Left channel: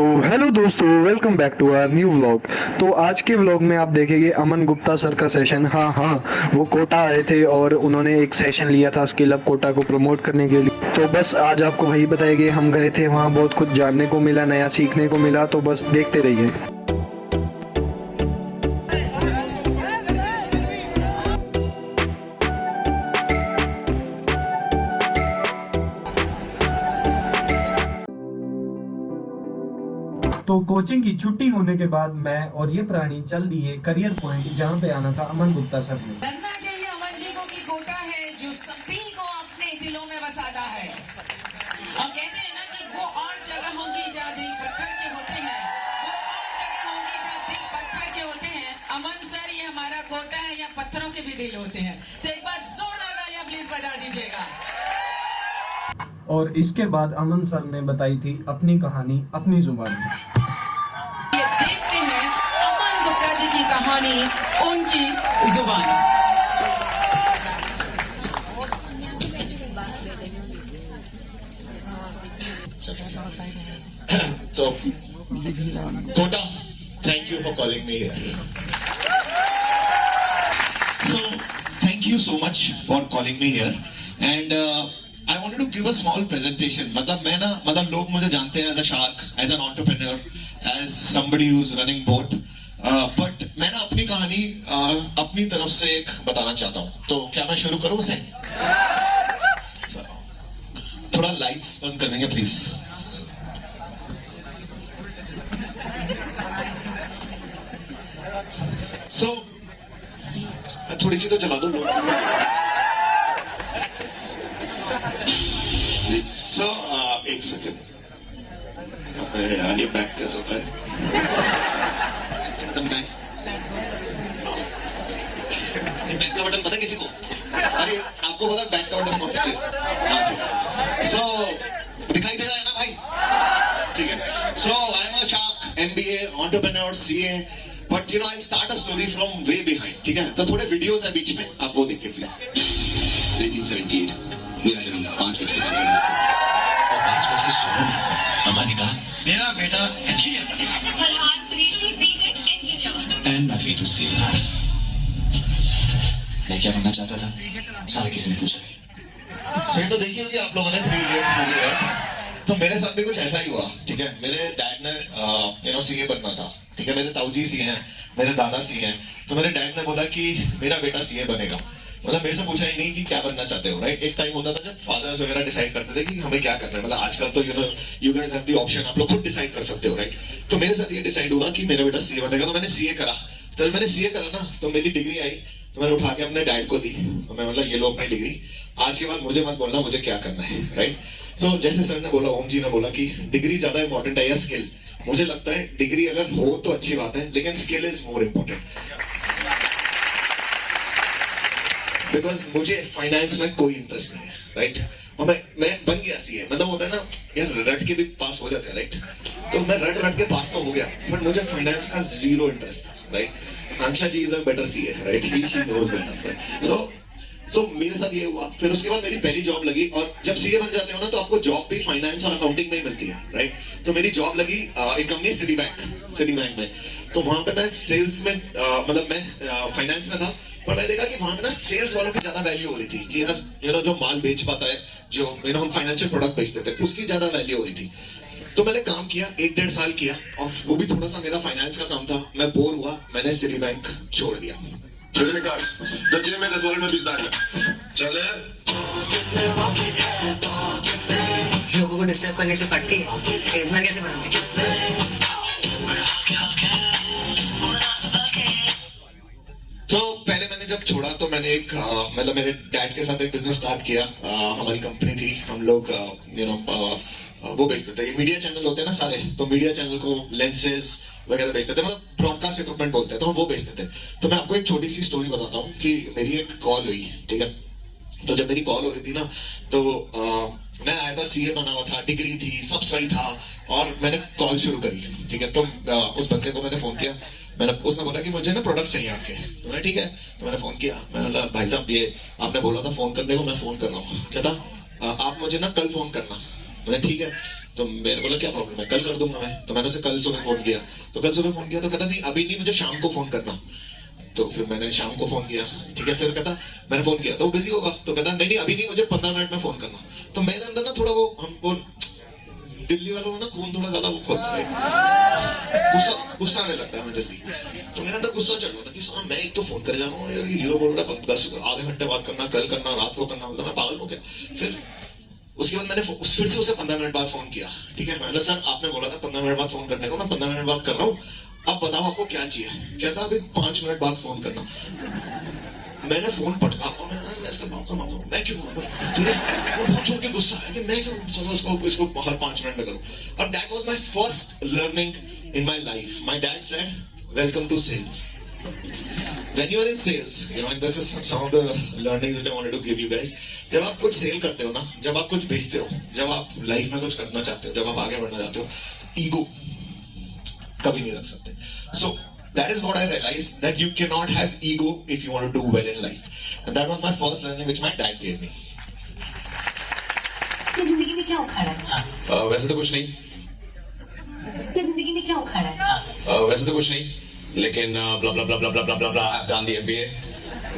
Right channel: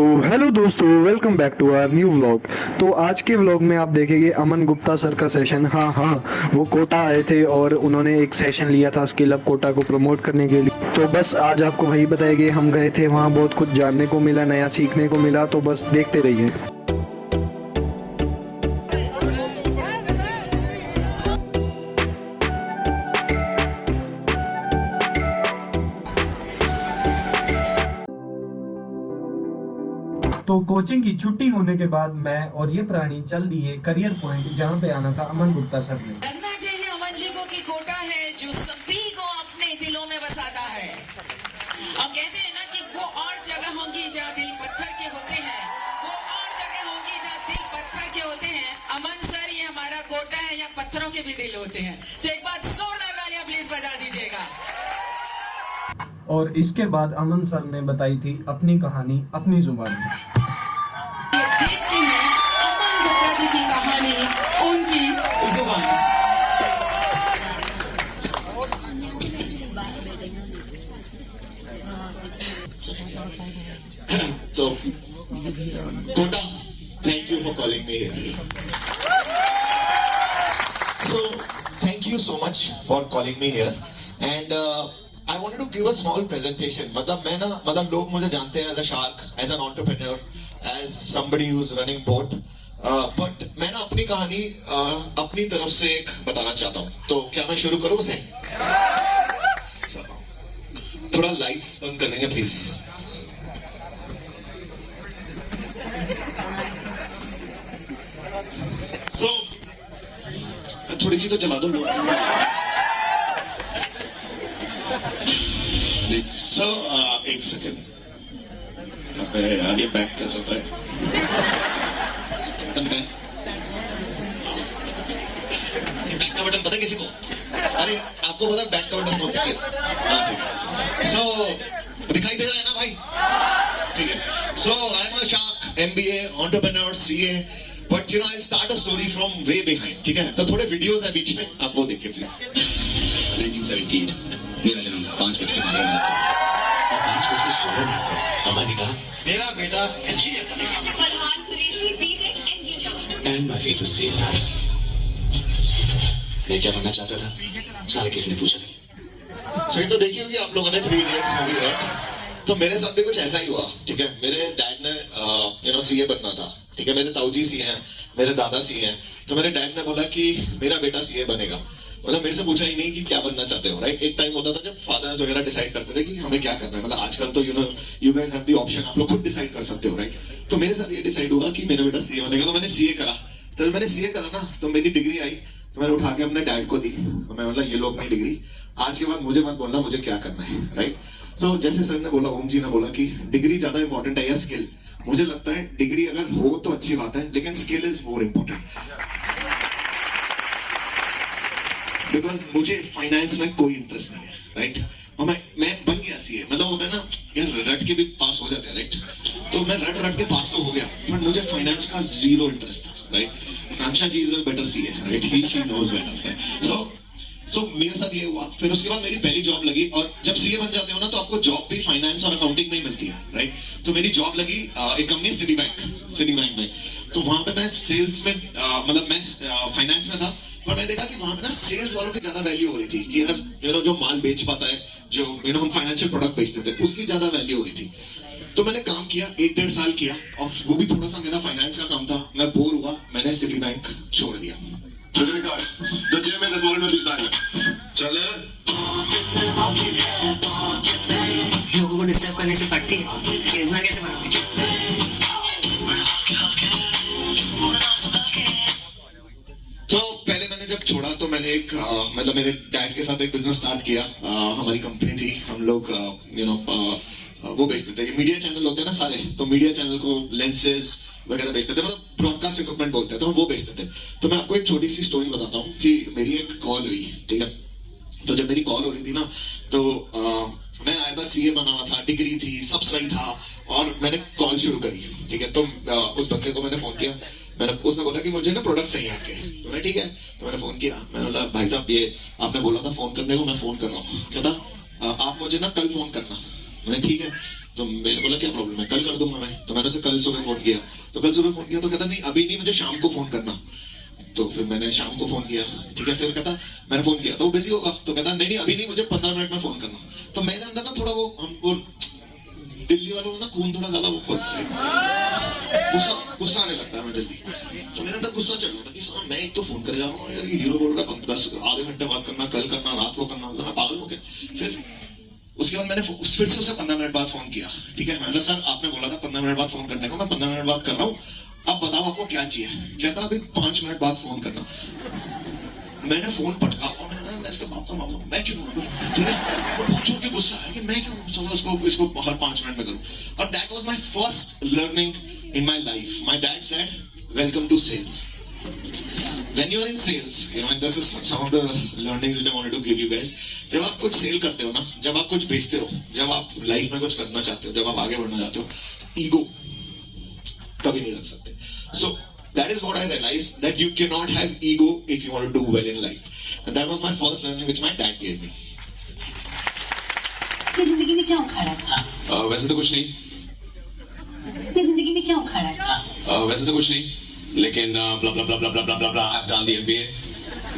सो hello दोस्तों, welcome back to our new vlog. तो आज के व्लॉग में आप देखेंगे अमन गुप्ता सर का सेशन। हाँ, वो कोटा आए थे और उन्होंने एक सेशन लिया था स्किल अप कोटा को प्रमोट करने के लिए। तो बस आज आपको वही बताएंगे। हम गए थे वहाँ, बहुत कुछ जानने को मिला, नया सीखने को मिला। तो बस देखते रहिए। तो कोचिंग की छुट्टी होने के बाद मैं और ये प्राणी चल दिए करियर पॉइंट, जहाँ पे आना था अमन गुप्ता सर ने। करना चाहिए अमन जी को कि कोटा है जो सभी को अपने दिलों में बसाता है। हम कहते हैं ना कि वो और जगह होगी जहाँ दिल पत्थर के होते हैं, वो और जगह होगी जहाँ दिल पत्थर के होते हैं। अमन सर ये हमारा कोटा है, यहाँ पत्थरों के भी दिल होते हैं। तो एक बार जोरदार तालियां प्लीज बजा दीजिएगा। और इसके बाद अमन सर ने बताई थी अपनी कहानी अपनी जुबान में। देखते हैं अमन गुप्ता जी की कहानी उनकी जुबान। So, Kota, thank you for calling me here. So, thank you so much for calling me here. And I wanted to give a small presentation. मतलब लोग मुझे जानते हैं as a shark, as an entrepreneur, as somebody who's running boat. But मैं ना अपनी कहानी अपनी तरफ से एक बताना चाहता हूँ. तो क्या मैं शुरू करूँ उसे? थोड़ा लाइट्स बंद कर देंगे प्लीज. So, थोड़ी सी तो जला दो. So, एक सेकेंड. यार ये बैक कैसे होता है? बैक का बटन पता है किसी को? अरे आपको पता है बैक का बटन होता है? So, दिखाई दे रहा है ना भाई? ठीक है. So, I'm a shark, MBA, entrepreneur, CA. But you know, I'll start a story from way behind. ठीक है? तो थोड़े वीडियोस है बीच में, आप वो देखिए प्लीज. 1978 मेरा जन्म 5:16 और 5:16 अम्मा ने कहा मेरा बेटा इंजीनियर एंड माय फेट से मैं क्या बनना चाहता था, सारे किसी ने पूछा. सो ये तो देखी होगी आप लोगों ने 3 इडियट्स मूवी, राइट? तो मेरे साथ भी कुछ ऐसा ही हुआ. ठीक है, मेरे डैड ने सीए बनना था. ठीक है, मेरे ताऊजी सीए हैं, मेरे दादा सीए हैं. तो मेरे डैड ने बोला कि मेरा बेटा सीए बनेगा. मतलब मेरे से पूछा ही नहीं कि क्या बनना चाहते हो, राइट? एक टाइम होता था जब फादर्स वगैरह डिसाइड करते थे कि हमें क्या करना है. मतलब आजकल तो you guys have the option, आप लोग खुद डिसाइड कर सकते हो, राइट? तो मेरे साथ ये डिसाइड हुआ कि मेरा बेटा सीए बनेगा. तो मैंने सीए करा. तो जब मैंने सीए करा ना, तो मेरी डिग्री आई. तो मैंने उठा के अपने डैड को दी. तो मैं मतलब ये लो अपनी डिग्री, आज के बाद मुझे मत बोलना मुझे क्या करना है, राइट? तो जैसे सर ने बोला, ओम जी ने बोला कि डिग्री ज्यादा इंपॉर्टेंट है या स्किल. मुझे लगता है डिग्री अगर हो तो अच्छी बात है, लेकिन skill is more important. Because मुझे फाइनेंस में कोई इंटरेस्ट नहीं है, राइट? और मैं बन गया सीए. मतलब होता है ना यार, रट के भी पास हो जाते हैं, राइट? तो मैं रट के पास तो हो गया, बट मुझे फाइनेंस का जीरो इंटरेस्ट था, right? Aakanksha ji is a better CA, right? He knows better. So मेरे साथ ये हुआ. फिर उसके बाद मेरी पहली जॉब लगी. और जब सीए बन जाते हो ना, तो आपको जॉब भी फाइनेंस और अकाउंटिंग में ही मिलती है, राइट? तो मेरी जॉब लगी एक कंपनी सिटी बैंक में. तो वहां पे मैं सेल्स में मतलब मैं फाइनेंस में था. पर मैं देखा कि वहां पे ना सेल्स वालों की ज्यादा वैल्यू हो रही थी. कि यार जो माल बेच पाता है, जो हम फाइनेंशियल प्रोडक्ट बेचते थे, उसकी ज्यादा वैल्यू हो रही थी. तो मैंने काम किया, 1-1.5 साल किया, और वो भी थोड़ा सा मेरा फाइनेंस का काम था. मैं बोर हुआ, मैंने सिटी बैंक छोड़ दिया. The gym in this world will be back. चले. लोगों को डिस्टर्ब करने से पड़ती है, सेल्समैन कैसे बनोगे? तो पहले मैंने जब छोड़ा तो मैंने एक मतलब मेरे डैड के साथ एक बिजनेस स्टार्ट किया. हमारी कंपनी थी, हम लोग वो बेचते थे. मीडिया चैनल होते हैं ना सारे, तो मीडिया चैनल को लेंसेज वगैरह बेचते थे. मतलब ब्रॉडकास्ट इक्विपमेंट बोलते हैं, तो हम वो बेचते थे. तो मैं आपको एक छोटी सी स्टोरी बताता हूँ कि मेरी एक कॉल हुई. ठीक है, तो जब मेरी कॉल हो रही थी ना, तो मैं आया था, सीए बना हुआ था, डिग्री थी, सब सही था, और मैंने कॉल शुरू करी. ठीक है, तो उस बंदे को मैंने फोन किया. उसने बोला कि मुझे ना प्रोडक्ट चाहिए आपके. तो मैंने ठीक है, तो मैंने फोन किया. मैंने बोला भाई साहब ये आपने बोला था फोन करने को, मैं फोन कर रहा हूँ. कहता आप मुझे ना कल फोन करना. मैंने ठीक है. तो मैंने बोला क्या प्रॉब्लम है, कल कर दूंगा मैं। तो मैंने उसे कल सुबह फोन किया, तो कहता नहीं अभी नहीं, मुझे शाम को फोन करना। तो फिर मैंने शाम को फोन किया, ठीक है। फिर कहता मैंने फोन किया तो वो बिजी होगा, तो कहता नहीं अभी नहीं, मुझे 15 मिनट में फोन करना। तो मेरे अंदर ना थोड़ा वो हमको दिल्ली वालों में ना खून थोड़ा ज्यादा वो खोलता है, गुस्सा आने लगता है हमें जल्दी। तो मेरे अंदर गुस्सा चल रहा था कि साला मैं एक तो फोन करे जा रहा हूँ यार, हीरो बोल रहा है 10 आधे घंटे बात करना, कल करना, रात को करना, मतलब मैं पागल हो गया। फिर उसके बाद मैंने फिर से उसे 15 मिनट बाद फोन किया, ठीक है। मैंने सर आपने बोला था 15 मिनट बाद फोन करने को, मैं 15 मिनट बाद कर रहा हूँ, अब बताओ आपको क्या चाहिए। कहता अभी 5 मिनट बाद फोन करना। मैंने फोन पटका और मैंने इसके बाप का मामला मैं क्यों, ठीक है। वो बहुत जोर के गुस्सा है कि मैं क्यों, चलो इसको हर 5 मिनट में करूं। और that was my first learning in my life. My dad said welcome to sales. When you're in sales, you know, and this is some of the learnings which I wanted to give you guys. जब आप कुछ cell करते हो ना, जब आप कुछ बेचते हो, जब आप लाइफ में कुछ करना चाहते हो, जब आप आगे बढ़ना चाहते हो, ईगो कभी नहीं रख सकते। So that is what I realized, that you cannot have ego if you want to do well in life. And that was my first learning which my dad gave me. ये जिंदगी में क्या उखाड़ा है? वैसे तो कुछ नहीं, ये जिंदगी में क्या उखाड़ा है? वैसे तो कुछ नहीं, लेकिन blah blah blah blah blah blah blah blah I've done the MBA,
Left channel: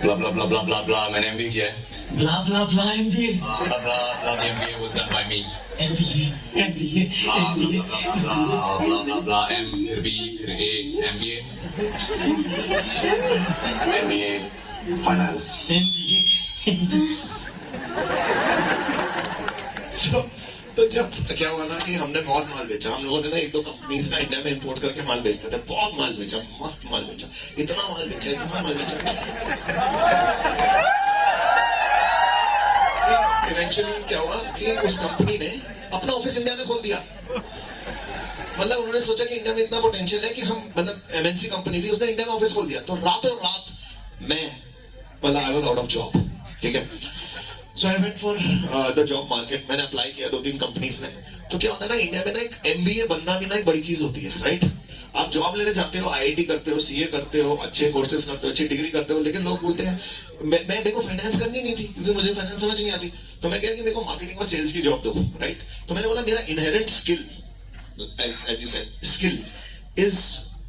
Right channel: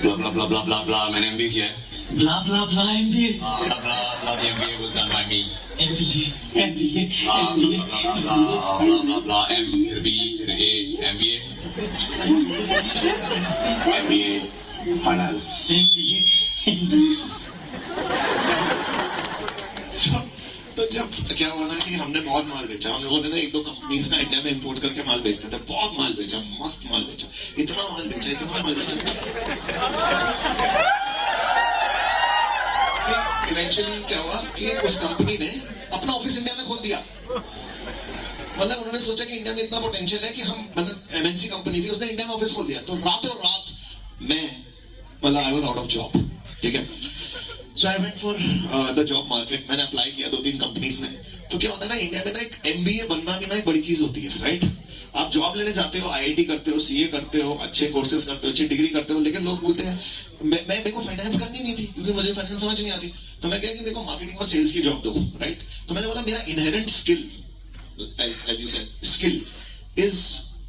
blah blah blah blah blah blah मैंने MBA किया है, blah blah blah MBA, blah blah blah the MBA was done by me, MBA MBA blah MBA blah blah blah blah blah blah M फिर B फिर A MBA MBA finance MBA तो जब क्या हुआ ना कि हमने बहुत माल बेचा, हम लोगों ने ना 1-2 कंपनीज का इंडिया में इंपोर्ट करके माल बेचते थे, बहुत माल बेचा, मस्त माल बेचा, इतना माल बेचा, इतना माल बेचा। इवेंचुअली क्या हुआ कि उस कंपनी ने अपना ऑफिस इंडिया में खोल दिया। मतलब उन्होंने सोचा कि इंडिया में इतना पोटेंशियल है कि हम, मतलब एमएनसी कंपनी थी, उसने इंडिया में ऑफिस खोल दिया। तो रातों रात मैं, मतलब I was out of job, ठीक है। So I went for the job market, मैंने अप्लाई किया 2-3 कंपनीज में। तो क्या होता है ना, इंडिया में ना एक एमबीए बनना भी ना एक बड़ी चीज होती है, राइट। आप जॉब लेने जाते हो, आईआईटी करते हो, सीए करते हो, अच्छे कोर्सेज करते हो, अच्छी डिग्री करते हो, लेकिन लोग बोलते हैं मेरे को फाइनेंस करनी नहीं थी क्योंकि मुझे फाइनेंस समझ नहीं आती। तो मैं कहा कि मेरे को मार्केटिंग और सेल्स की जॉब दो, राइट। तो मैंने बोला मेरा inherent skill, as you said, skill is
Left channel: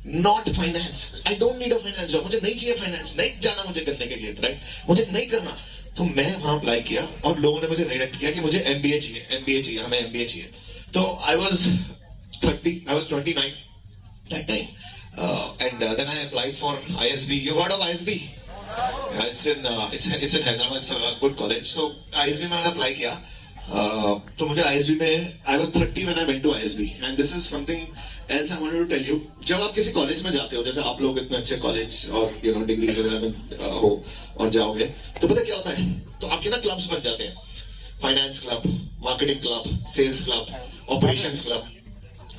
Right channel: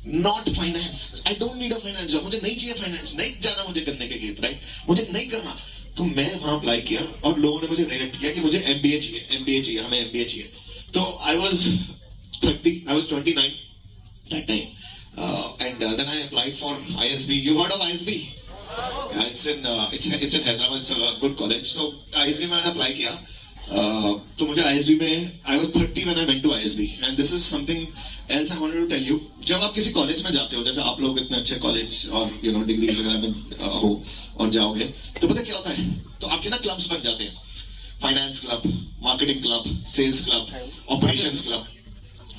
not finance. I don't need a finance job, मुझे नहीं चाहिए फाइनेंस, नहीं जाना मुझे करने के खेत, राइट, मुझे नहीं करना। तो मैं वहां अप्लाई किया और लोगों ने मुझे रिजेक्ट किया कि मुझे एमबीए चाहिए, एमबीए चाहिए, हमें एमबीए चाहिए। तो I was 29 that time, and then I applied for ISB. You heard of ISB? It's in Hyderabad. It's a good college. So ISB में मैंने apply किया। तो मुझे ISB में I was 30 when I went to ISB, and this is something else I wanted to tell you. जब आप किसी college में जाते हो, जैसे आप लोग इतने अच्छे कॉलेज और डिग्री वगैरह में हो और जाओगे, तो पता क्या होता है, तो आपके ना क्लब्स बन जाते हैं, finance club, marketing club, sales club, operations club.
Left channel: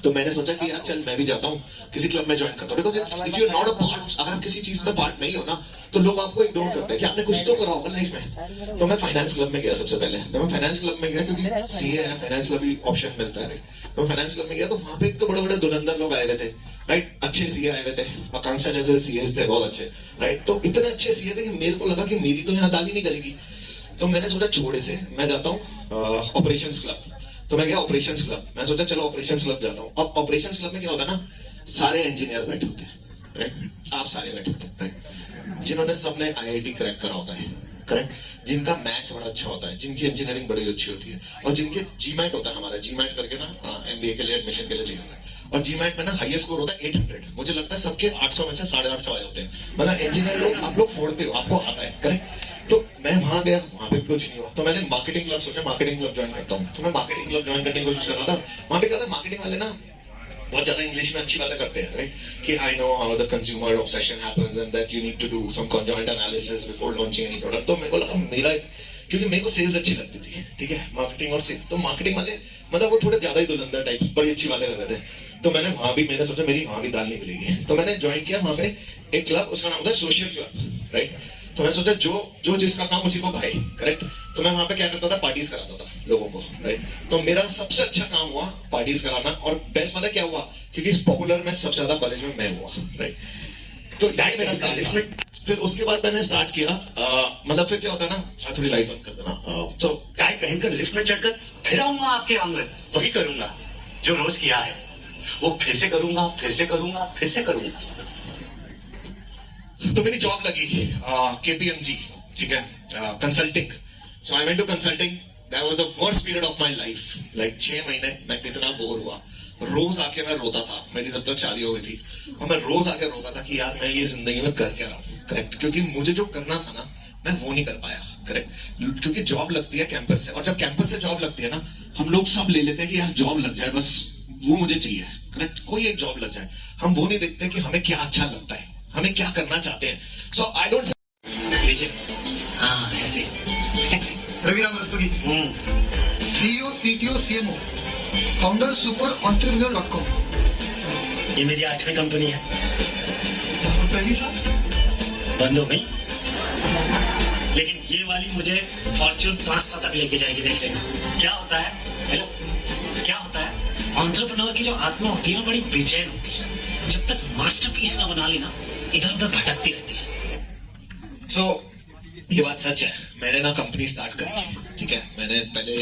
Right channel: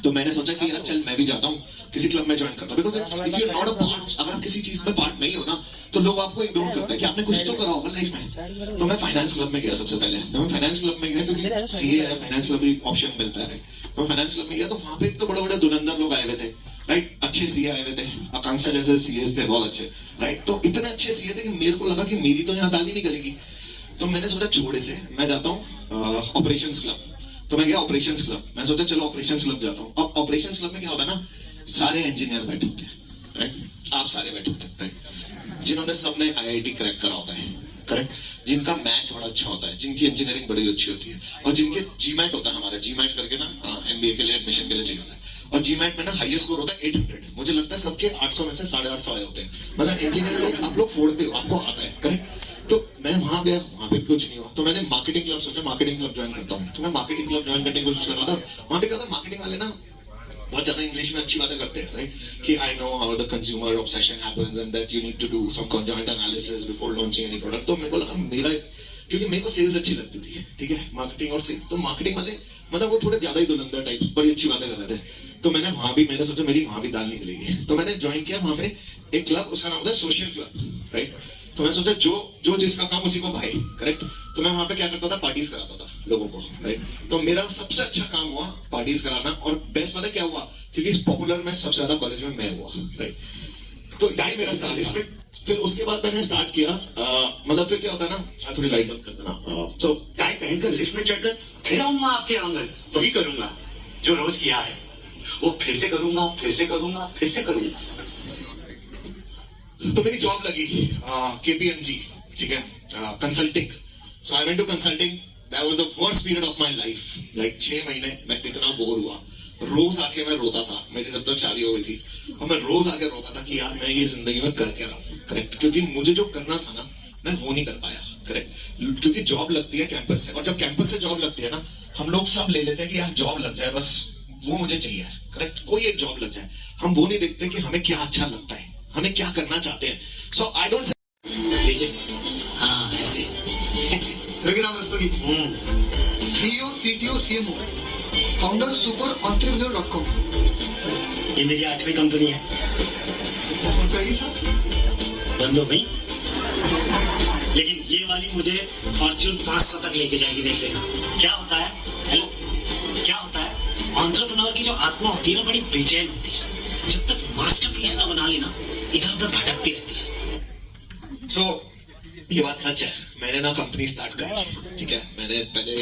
तो मैंने सोचा कि यार चल मैं भी जाता हूँ किसी क्लब में ज्वाइन करता हूँ, because if you not a part, अगर आप किसी चीज में पार्ट नहीं हो ना, तो लोग आपको इग्नोर करते हैं कि आपने कुछ तो करा होगा लाइफ में। तो मैं फाइनेंस क्लब में गया सबसे पहले। तो मैं फाइनेंस क्लब में गया क्योंकि सीए है, फाइनेंस क्लब भी ऑप्शन मिलता है। तो मैं फाइनेंस क्लब में गया, तो वहां पे एक तो बड़े बड़े धुरंधर लोग आए हुए थे, राइट, अच्छे सीए आए हुए थे, आकांक्षा जैसे सीए थे बहुत अच्छे, राइट। तो इतने अच्छे सीए थे कि मेरे को लगा कि मेरी तो यहाँ दाल ही नहीं गलेगी। तो मैंने सोचा छोड़े से मैं जाता हूँ ऑपरेशंस क्लब। तो मैं गया ऑपरेशंस क्लब, मैं सोचा चलो ऑपरेशंस क्लब जाता हूँ। अब ऑपरेशंस क्लब में क्या होता है ना, सारे इंजीनियर बैठे होते हैं, राइट, आप सारे बैठे होते हैं, राइट, जिन्होंने सबने आईआईटी क्रैक करा होता है, करेक्ट, जिनका मैथ्स बड़ा अच्छा होता है, जिनकी इंजीनियरिंग बड़ी अच्छी होती है, और जिनके जीमैट होता है, हमारा जीमैट करके ना एमबीए के लिए एडमिशन के लिए चाहिए होता है, और जीमैट में ना हाईएस्ट स्कोर होता है 800। मुझे लगता है सबके 800 में से 850 आए होते हैं। मतलब इंजीनियर लोग, आप लोग फोड़ते हो, आपको आता है, करेक्ट। तो मैं वहां गया, वहां पे कुछ नहीं हुआ। तो मैंने मार्केटिंग क्लब सोचा, मार्केटिंग क्लब ज्वाइन करता हूँ। तो मैं मार्केटिंग क्लब ज्वाइन करने की कोशिश कर रहा था। वहां पे क्या होता है, मार्केटिंग वाले ना बहुत ज्यादा इंग्लिश में अच्छी बातें करते हैं, राइट, कि I know how the consumer obsession happens and that you need to do some conjoint analysis before launching any product. तो मेरे को लगा मेरा, क्योंकि मेरे को सेल्स अच्छी लगती थी, ठीक है, मार्केटिंग और सेल्स। तो मार्केटिंग वाले मतलब वो थोड़े ज्यादा ही धुरंधर टाइप बड़ी अच्छी बातें कर रहे थे। तो मैंने वहां भी, मैंने सोचा मेरी वहां भी दाल नहीं मिलेगी। तो मैंने ज्वाइन किया वहां पे एक क्लब, उसका नाम होता है सोशल क्लब, राइट। तो मैं सोचा जो जिसका काम उसी को भाई, करेक्ट। तो मैं वहां पे क्या करता था, पार्टीज कराता था लोगों को, राइट। तो मेरा सबसे अच्छा काम हुआ पार्टीज कराना, और बेस्ट पता क्या हुआ, क्योंकि पॉपुलर में सबसे ज्यादा कॉलेज में मैं हुआ, राइट। तो यही मेरा स्टार्ट। फिर उसके बाद मैंने स्टार्ट किया, मतलब फिर क्या होता है ना, थोड़ी लाइट बंद कर देना। तो टाई पहनकर लिफ्ट में चढ़कर फिर आऊंगा आपके आंगन, वही करूंगा। जो रोज किया है वो फिर से करूंगा, फिर से करूंगा, फिर से करूंगा। तो मेरी जॉब लगी केपीएमजी, ठीक है, consulting. So I went to consulting. That was the worst period of my life. Like 6 महीने मैं इतना बोर हुआ, रोज आके मैं रोता था। मेरी जब तक शादी हो गई थी और मैं रोज आके रोता था कि यार मैं ये जिंदगी में कर क्या रहा हूँ, करेक्ट। क्योंकि मुझे जो करना था ना मैं वो नहीं कर पाया, करेक्ट। क्योंकि जॉब लगती है कैंपस से, और जब कैंपस से जॉब लगती है ना हम लोग सब ले लेते हैं कि यार जॉब लग जाए, बस वो मुझे चाहिए, करेक्ट। कोई एक जॉब लग जाए, हम वो नहीं देखते कि हमें क्या अच्छा लगता है, हमें क्या करना चाहते हैं। सो आई डोंट लीजिए। हाँ ऐसे। Raviram Rastogi, CEO, CTO, CMO, founder super entrepreneur.com। ये मेरी 8वीं कंपनी है। और पहली साल बंद हो गई, लेकिन ये वाली मुझे फॉर्च्यून 500 तक लेके जाएगी। देख लेना क्या होता है। हेलो, क्या होता है, एंटरप्रेन्योर की जो आत्मा होती है ना बड़ी बेचैन होती है। जब तक मास्टरपीस ना बना लेना इधर उधर भटकती रहती है। सो ये बात सच है। मैंने ना कंपनी स्टार्ट करी, ठीक है। मैंने पहले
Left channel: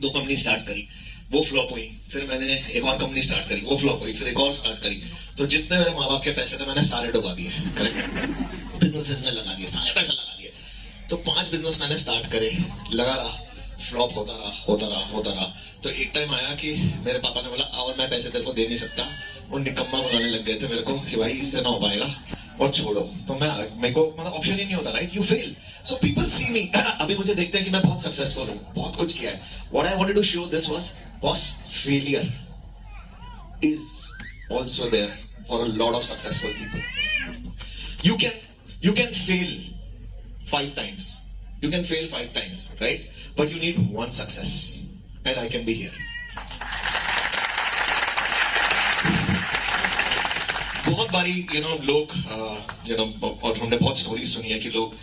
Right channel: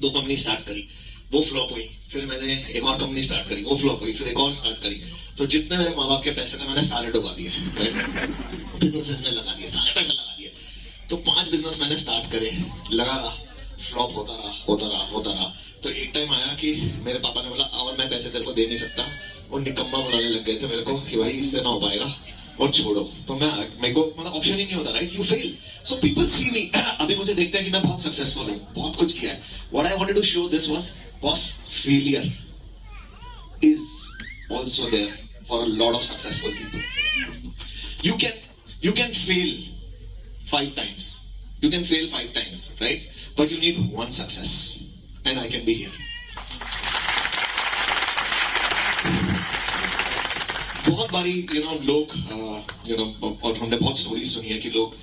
2 कंपनी स्टार्ट करी, वो फ्लॉप हुई। फिर मैंने एक और कंपनी स्टार्ट करी, वो फ्लॉप हुई। फिर एक और स्टार्ट करी। तो जितने मेरे माँ बाप के पैसे थे मैंने सारे डुबा दिए, करेक्ट। बिजनेसेस में लगा दिए, सारे पैसे लगा दिए। तो 5 बिजनेस मैंने स्टार्ट करे, लगा रहा, फ्लॉप होता रहा, होता रहा, होता रहा। तो एक टाइम आया कि मेरे पापा ने बोला और मैं पैसे तेरे को दे नहीं सकता। वो निकम्मा बनाने लग गए थे मेरे को कि भाई इससे ना हो पाएगा और छोड़ो। तो मेरे को मतलब ऑप्शन ही नहीं होता, right. You fail. So people see me, अभी मुझे देखते हैं कि मैं बहुत सक्सेसफुल हूँ, बहुत कुछ किया है। What I wanted to show this was boss, failure is also there for a lot of successful people. You can fail 5 times. You can fail 5 times, right? But you need one success, and I can be here. बहुत बारी लोग और हमने बहुत story सुनी है कि लोग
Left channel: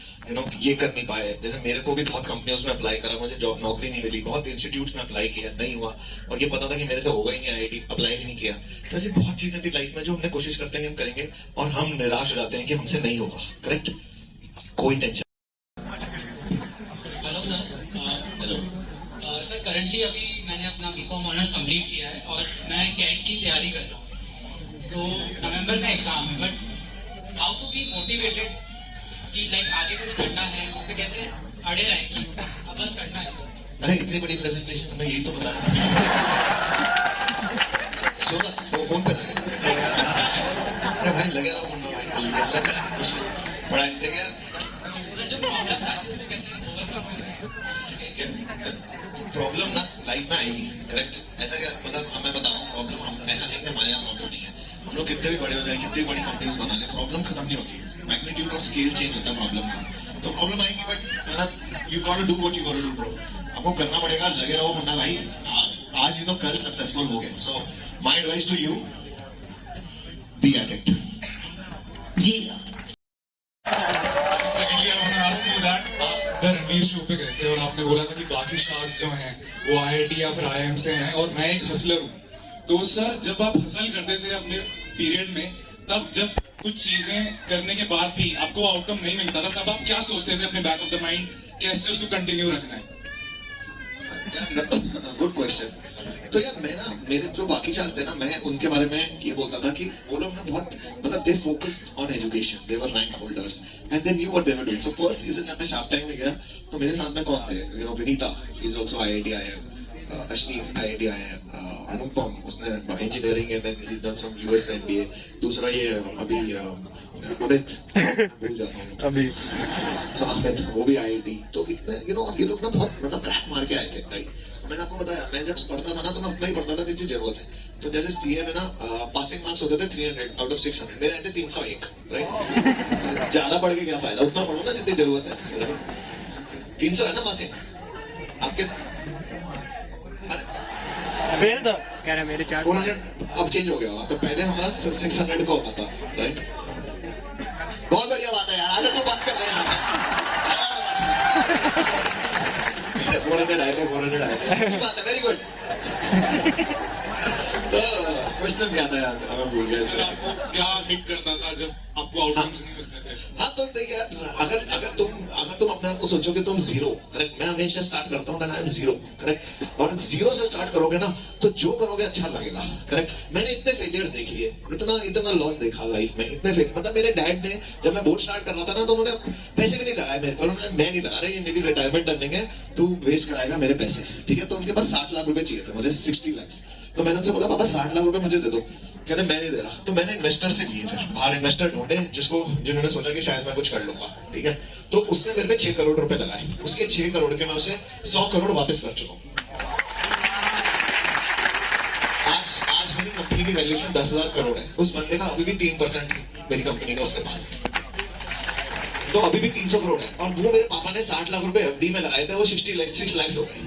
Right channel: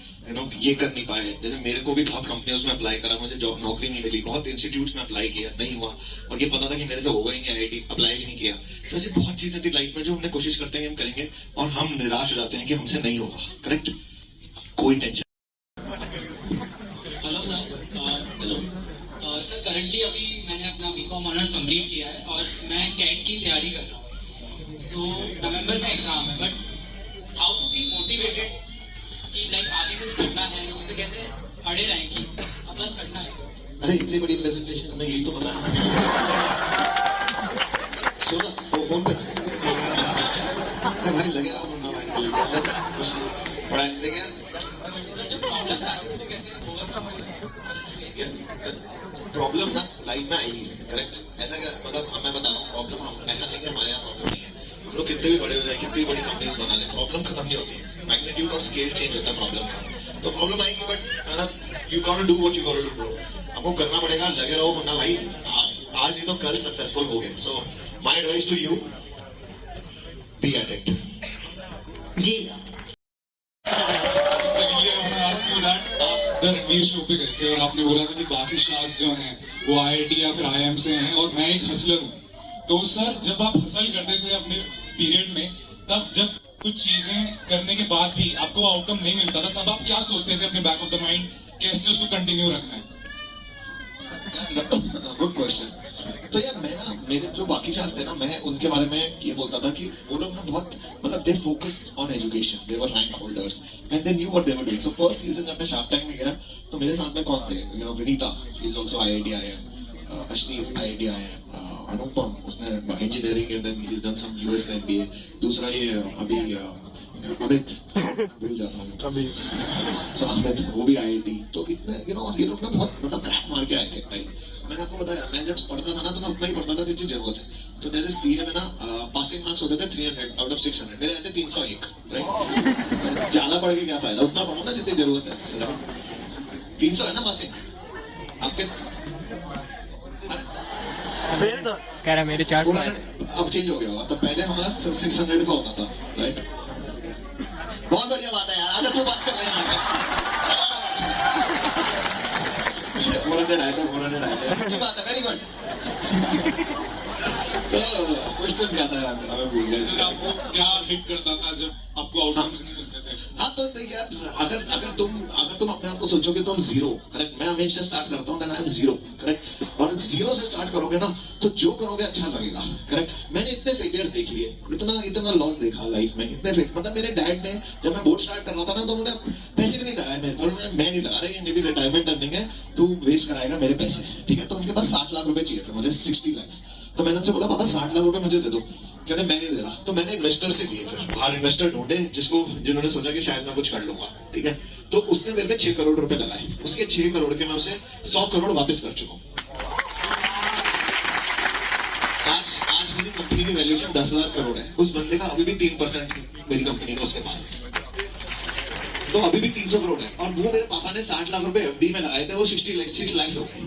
ये कर नहीं पाए। जैसे मेरे को भी बहुत कंपनियों में अप्लाई करा, मुझे जॉब नौकरी नहीं मिली। बहुत इंस्टीट्यूट्स में अप्लाई किया, नहीं हुआ। और ये पता था कि मेरे से होगा ही नहीं, IIT अप्लाई भी नहीं किया। तो ऐसी बहुत चीजें थी लाइफ में जो हमने कोशिश करते हैं कि हम करेंगे और हम निराश हो जाते हैं कि हमसे नहीं होगा, करेक्ट। कोई tension. Hello sir. Hello sir, currently अभी मैंने अपना BCom ऑनर्स कंप्लीट किया है और मैं कैट की तैयारी कर रहा हूँ। सो नवंबर में एग्जाम है, but how to be motivated कि लाइक आगे कुछ करना है, उस पर कैसे अड़े रहें कि अब बस करना है। अरे इतनी बड़ी प्रेजेंटेशन में यही तो बता सुना फोन पे अरे भाई लगे रहा मुन्ना भाई बड़ा देखिए यार। सर, जो प्रॉब्लम्स आती है उसको कैसे ओवरकम प्रॉब्लम ना लाइफ में आएगी, करेक्ट। ऐसा क्या मतलब मैं बता रहा हूँ, प्रॉब्लम हम ऐसा नहीं कि हमारे यहाँ प्रॉब्लम नहीं है। हम लोग कितने भी बड़े हो जाए, कितनी बड़ी कंपनीज बना ले, प्रॉब्लम खत्म नहीं होती। मैग्नीट्यूड और स्केल चेंज होता है प्रॉब्लम का। तो प्रॉब्लम आएगी, बट मतलब you got to do what you got to do bro. आपको करना पड़ेगा, लगे रहो, वरना भाई आज नहीं तो कल सक्सेसफुल हो गए। So my advice to you, be at it. जी secondly I want to ask you that आप द रणवीर शो पे गए थे और आपने बोला था कि बाकी स्टार्स जो हैं वो IIT या फिर IIM से हैं और मैं एक हसलर हूँ। तो सर, जब आप हसल करते थे अपने पीरियड में, तब जब कुछ चीजें करने के बाद भी आपको आउटकम नहीं मिलता था, तब आप क्या सोचते थे अपने बैक ऑफ द माइंड, कैसे उसको कंटिन्यू रखना है? Good question. तो यार मैं ना, मेरे जो बाकी चांस थे ना, मैं उनके बारे में ये बोलता था कि वो लोग ना बहुत मतलब they focused on education, they were rank holders and they knew what they were doing. So first season जब मैं शार्क टैंक में गया तो मेरे साथ में कौन थे, Vinita, she is also IIT IIM, Ashneer IIT IIM, Anupam उसने engineering and then he is done some US MBA। दूसरा ये अभी अमित, भूल जाता हूँ अभी। सो अमित वो भी IIT। तो इतने ये लोग ना बहुत मतलब क्रैक मार के आए थे, राइट। मैंने आपको बताया, मैं जब पढ़ता था ना तो मैं उतना ही पढ़ता था जितनी जरूरत है। तो जैसे CA में ना पासिंग मार्क्स होते थे 300 आउट ऑफ 600, मेरे आए थे 301, राइट। ज्यादा पढ़ के क्या फायदा, उतना पढ़ो ना जितनी जरूरत है, राइट। 300 है ना पासिंग आपके। फेल तो कह रहा मेरे 400 अब चेंज हो गया होगा। तो पहले हमारा 600 का होता था, राइट। बहुत बढ़िया बात है यार, आज क्यों बात कर रहे हैं 400 आए थे, 400 आए थे, अच्छी बात है, वेरी गुड। तो क्वेश्चन क्या था यार मेरा, मैं भूल सर गया। आपको क्या हिट करता था जब आपको आउटकम्स नहीं मिलते थे? हाँ तो देखिए अगर तुम अपने आप को सोचो कि तुम जीरो, करेक्ट, मैं हमेशा स्टार्ट करता हूँ आई एम जीरो, करेक्ट, और जीरो से स्टार्ट करोगे ना तो जो करोगे अच्छा लगेगा, करेक्ट। मैंने इतने फेलियर्स देखी है, इतना लॉस देखा लाइफ में, इतने मतलब मेरे डैड ने जब मैं बोर्ड स्टार्ट कर रहा था ना तो उन्होंने पैसे भी नहीं लगाए मेरे पर, उन्होंने मैं नहीं लगा रहा, ये मेरी रिटायरमेंट अर्निंग है, तू वेस्ट कराएगा मेरे पैसे, ठीक है। तो उनके पास 60 लाख रुपए चाहिए थे, मुझे 60 लाख। तो मैंने उनसे बोला पापा 60 लाख रुपए मुझे दे दो, कहते मैं नहीं दे रहा। तो मैंने इन्वेस्टर से लिए, फिर बाहर इन्वेस्टर ढूंढे जिन्होंने सोचा कि शायद मैं कुछ कर लूंगा, ठीक है। तो उसने मेरे पे 6 करोड़ रुपए लगाए, उसके 6 करोड़ के मैं उसे 100 करोड़ वापस कर चुका हूँ। आज मेरी कंपनी की वैल्यूएशन 10,000 करोड़ है, उस बंदे का अभी भी 3% मेरी कंपनी का उसके पास है, तो अभी भी 300 करोड़ है। और वो मेरे पापा ने 60 लाख रुपए एफडी में लगाए थे, वो 6 लाख हो गए।